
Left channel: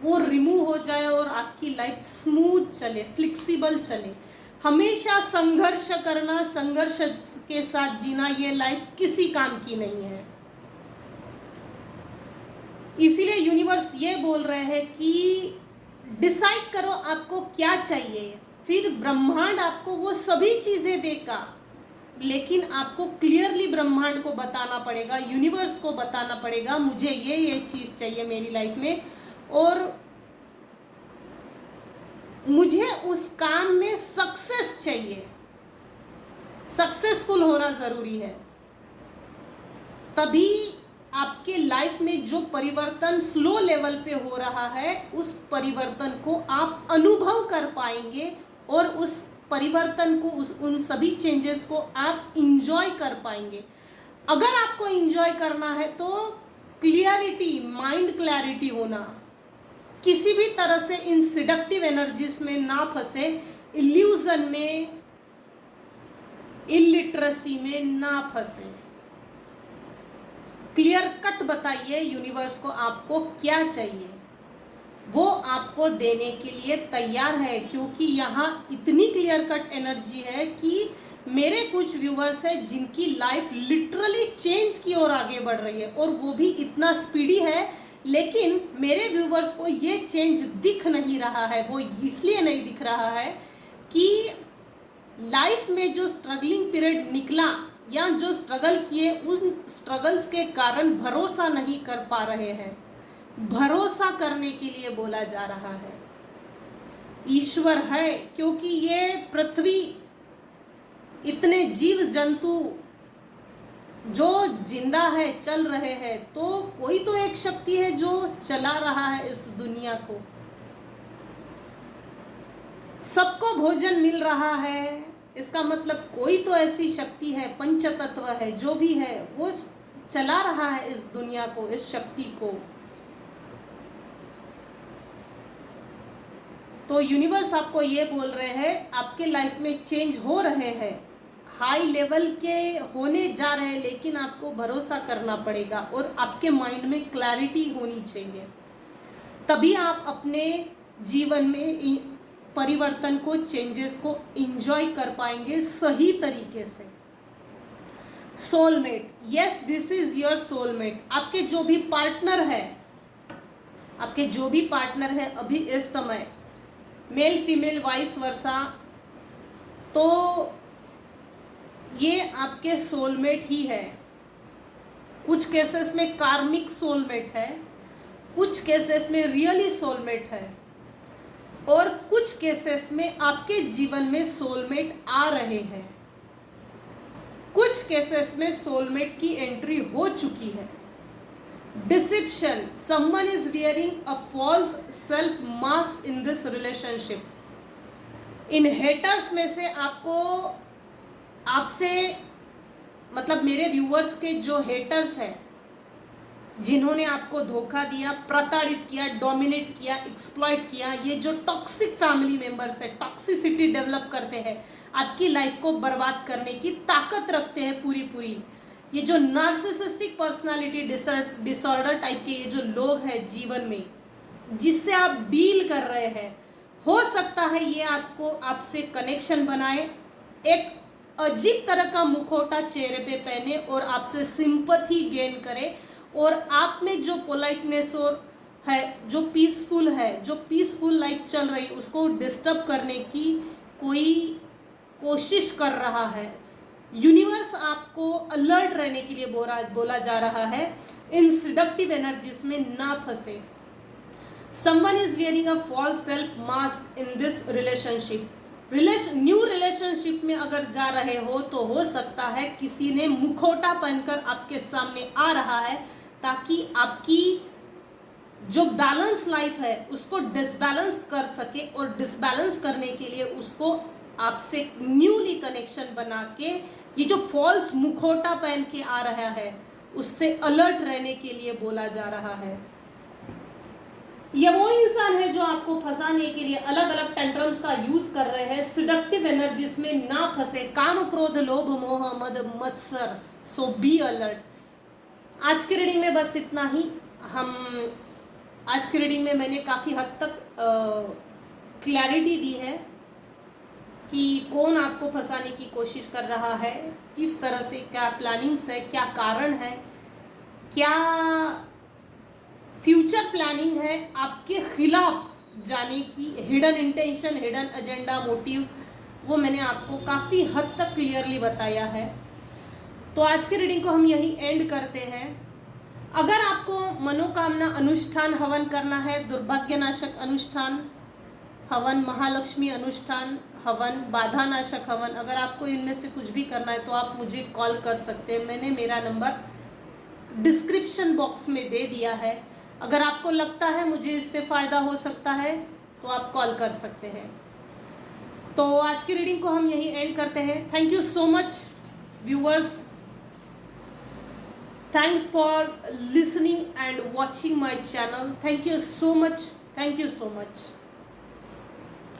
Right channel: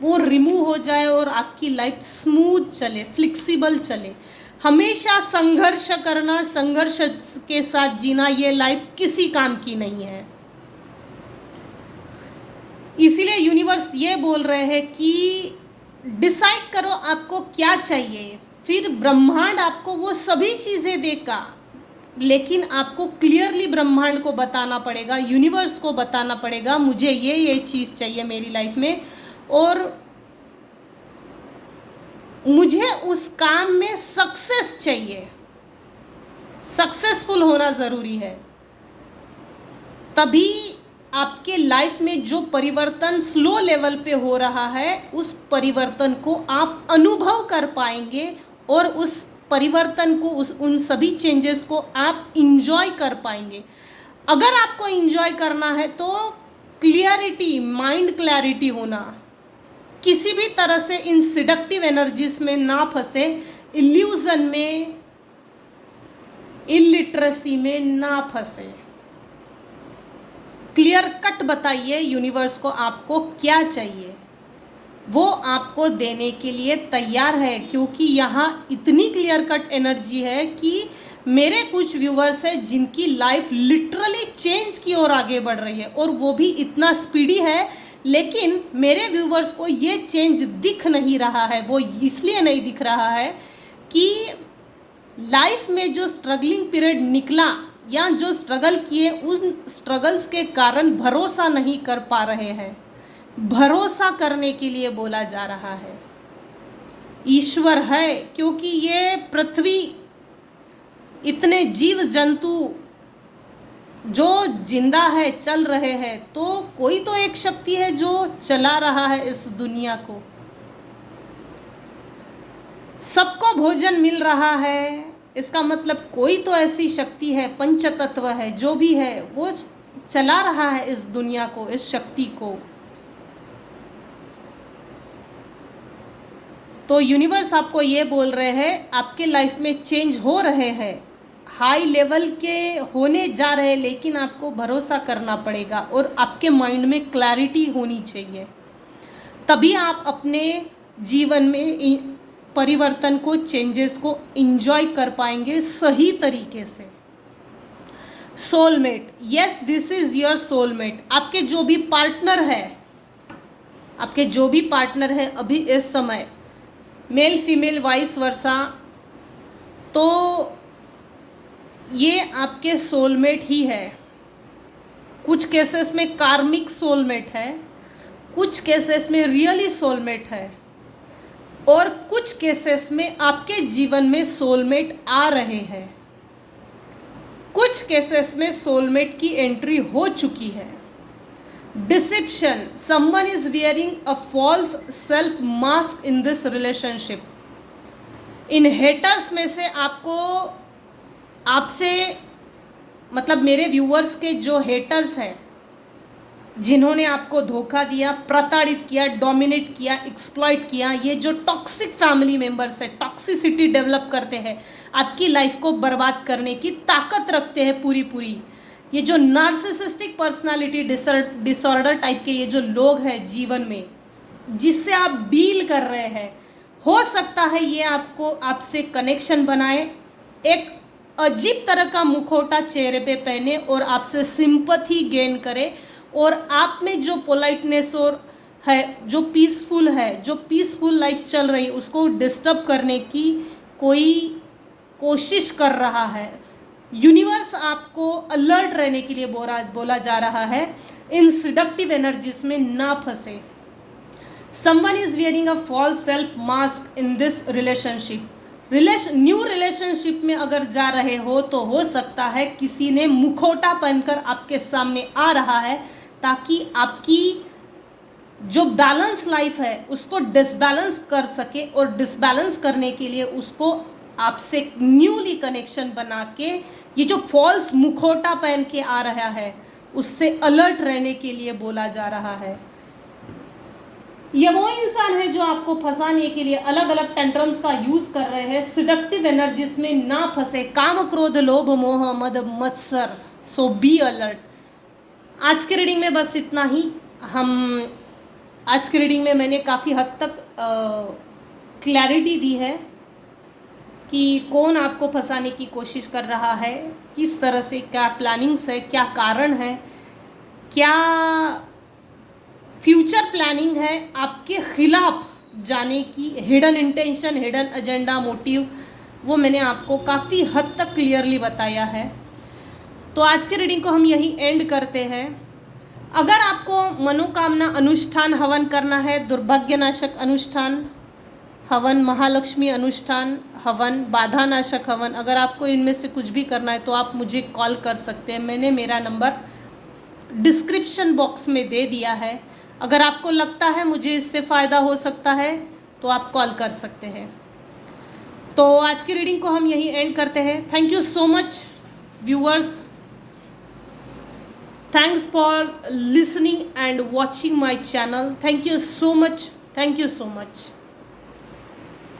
वो रिमूव हो जाए और आपकी लाइफ स्मूथ चले, फ्लेक्सिबल चले। हमेशा संघर्ष करना, संघर्ष के साथ जीना, ये लाइफ किसी काम की नहीं है। इसीलिए यूनिवर्स ये बोल रहे हैं कि डिसाइड करो आपको क्या चाहिए, फिर ब्रह्मांड आपको वो सभी चीजें देगा, लेकिन आपको क्लियरली ब्रह्मांड को बताना पड़ेगा, यूनिवर्स को बताना पड़ेगा, मुझे ये चीज चाहिए मेरी लाइफ में और मुझे उस काम में सक्सेस चाहिए। सक्सेसफुल होना जरूरी है, तभी आपके लाइफ में जो परिवर्तन स्लो लेवल पे हो रहा है उस परिवर्तन को आप अनुभव कर पाएंगे और उस परिवर्तन को, उन सभी चेंजेस को आप इंजॉय कर पाएंगे। अगर आपको इंजॉय करना है तो क्लियरिटी, माइंड क्लैरिटी होना, किसी भी तरह से इन सिडक्टिव एनर्जीज में ना फंसे, इल्यूजन में, इलिटरेसी में ना फंसे। क्लियर कट बताइए यूनिवर्स को आपको क्या चाहिए, वो आपको देने के लिए तैयार है, क्योंकि यहाँ इतनी क्लियर कट एनर्जी है कि मेरे कुछ व्यूवर्स हैं जिनकी लाइफ लिटरली चेंज की ओर आगे बढ़ रही है, और वो भी इतना स्पीडी है, लेकिन मेरे व्यूवर्स को ये चेंज दिख नहीं रहा है। वो इसलिए नहीं दिख रहा है कि लाइफ में जो स्ट्रगलिंग पीरियड निकला या जो स्ट्रगल किए, उन स्ट्रगल्स के कारण भरोसा नहीं कर पा रहे हैं। भरोसा करने के लिए बोला जा रहा है, ईश्वर है, क्योंकि ये पृथ्वी, इतने जीव जंतु जो जिंदा है, चल रहे हैं, तो कोई तो एक शक्ति है जो चला रहा है इस दुनिया को। सबको भोजन मिल रहा है, इसका मतलब कोई तो ऐसी शक्ति है, पंचतत्व है, जो भी है वो चला रहा है इस दुनिया को, इस शक्ति को। तो यूनिवर्स आपको ये बोल रहे हैं, आपके लाइफ में चेंज हो रहे हैं, हाई लेवल के होने जा रहे हैं, लेकिन आपको भरोसा करना पड़ेगा और आपके माइंड में क्लैरिटी होनी चाहिए, तभी आप अपने जीवन में परिवर्तन को, चेंजेस को एंजॉय कर पाएंगे सही तरीके से। Soulmate, yes this is your soulmate. आपके जो भी पार्टनर है, आपके जो भी पार्टनर है अभी इस समय, मेल फीमेल वाइस वर्सा, तो ये आपके सोलमेट ही है। कुछ केसेस में कार्मिक सोलमेट है, कुछ केसेस में रियली सोलमेट है, और कुछ केसेस में आपके जीवन में सोलमेट आ रहे हैं। कुछ केसेस में सोलमेट की एंट्री हो चुकी है। Deception, someone is wearing a false self mask in this relationship. इन हेटर्स में से आपसे मतलब मेरे व्यूअर्स के जो हेटर्स हैं, जिन्होंने आपको धोखा दिया, प्रताड़ित किया, डोमिनेट किया, एक्सप्लॉइट किया, ये जो टॉक्सिक फैमिली मेंबर्स है, टॉक्सिसिटी डेवलप करते हैं, आपकी लाइफ को बर्बाद करने की ताकत रखते हैं पूरी पूरी, ये जो नार्सिसिस्टिक पर्सनालिटी डिसऑर्डर टाइप के ये जो लोग हैं जीवन में, जिससे आप डील कर रहे हैं, हो सकता है ये आपको आपसे कनेक्शन बनाए, एक अजीब तरह का मुखौटा चेहरे पे पहने और आपसे सिंपैथी गेन करे, और आप में जो पोलाइटनेस और है, जो पीसफुल लाइफ चल रही है, उसको डिस्टर्ब करने की कोई कोशिश कर रहा है। यूनिवर्स आपको अलर्ट रहने के लिए बोला जा रहा है, इन सिडक्टिव एनर्जीज में ना फंसे। Someone is wearing a false self mask in this relationship. New relationship में अगर जा रहे हो तो हो सकता है किसी ने मुखौटा पहनकर आपके सामने आ रहा है, ताकि आपकी जो बैलेंस लाइफ है उसको डिसबैलेंस कर सके, और डिसबैलेंस करने के लिए उसको आपसे न्यूली कनेक्शन बना के, ये जो फॉल्स मुखौटा पहन के आ रहा है उससे अलर्ट रहने के लिए बोला जा रहा है। ये वो इंसान है जो आपको फंसाने के लिए अलग अलग टेंट्रम्स का यूज कर रहे हैं। सिडक्टिव एनर्जीज में ना फंसे, काम क्रोध लोभ मोह मद मत्सर, सो बी अलर्ट। आज के रीडिंग में बस इतना ही। आज की रीडिंग में मैंने काफ़ी हद तक क्लैरिटी दी है कि कौन आपको फंसाने की कोशिश कर रहा है, किस तरह से, क्या प्लानिंग्स है, क्या कारण है, क्या फ्यूचर प्लानिंग है आपके खिलाफ जाने की, hidden intention, hidden agenda, motive, वो मैंने आपको काफ़ी हद तक क्लियरली बताया है। तो आज के रीडिंग को हम यहीं एंड करते हैं। अगर आपको मनोकामना अनुष्ठान हवन करना है, दुर्भाग्यनाशक अनुष्ठान हवन, महालक्ष्मी अनुष्ठान हवन, बाधा नाशक हवन, अगर आपको इनमें से कुछ भी करना है तो आप मुझे कॉल कर सकते हैं। मैंने मेरा नंबर डिस्क्रिप्शन बॉक्स में दे दिया है। अगर आपको लगता है मुझे इससे फ़ायदा हो सकता है तो आप कॉल कर सकते हैं। तो आज की रीडिंग को हम यहीं एंड करते हैं। Thank you so much viewers, thanks for listening and watching my channel. Thank you so much.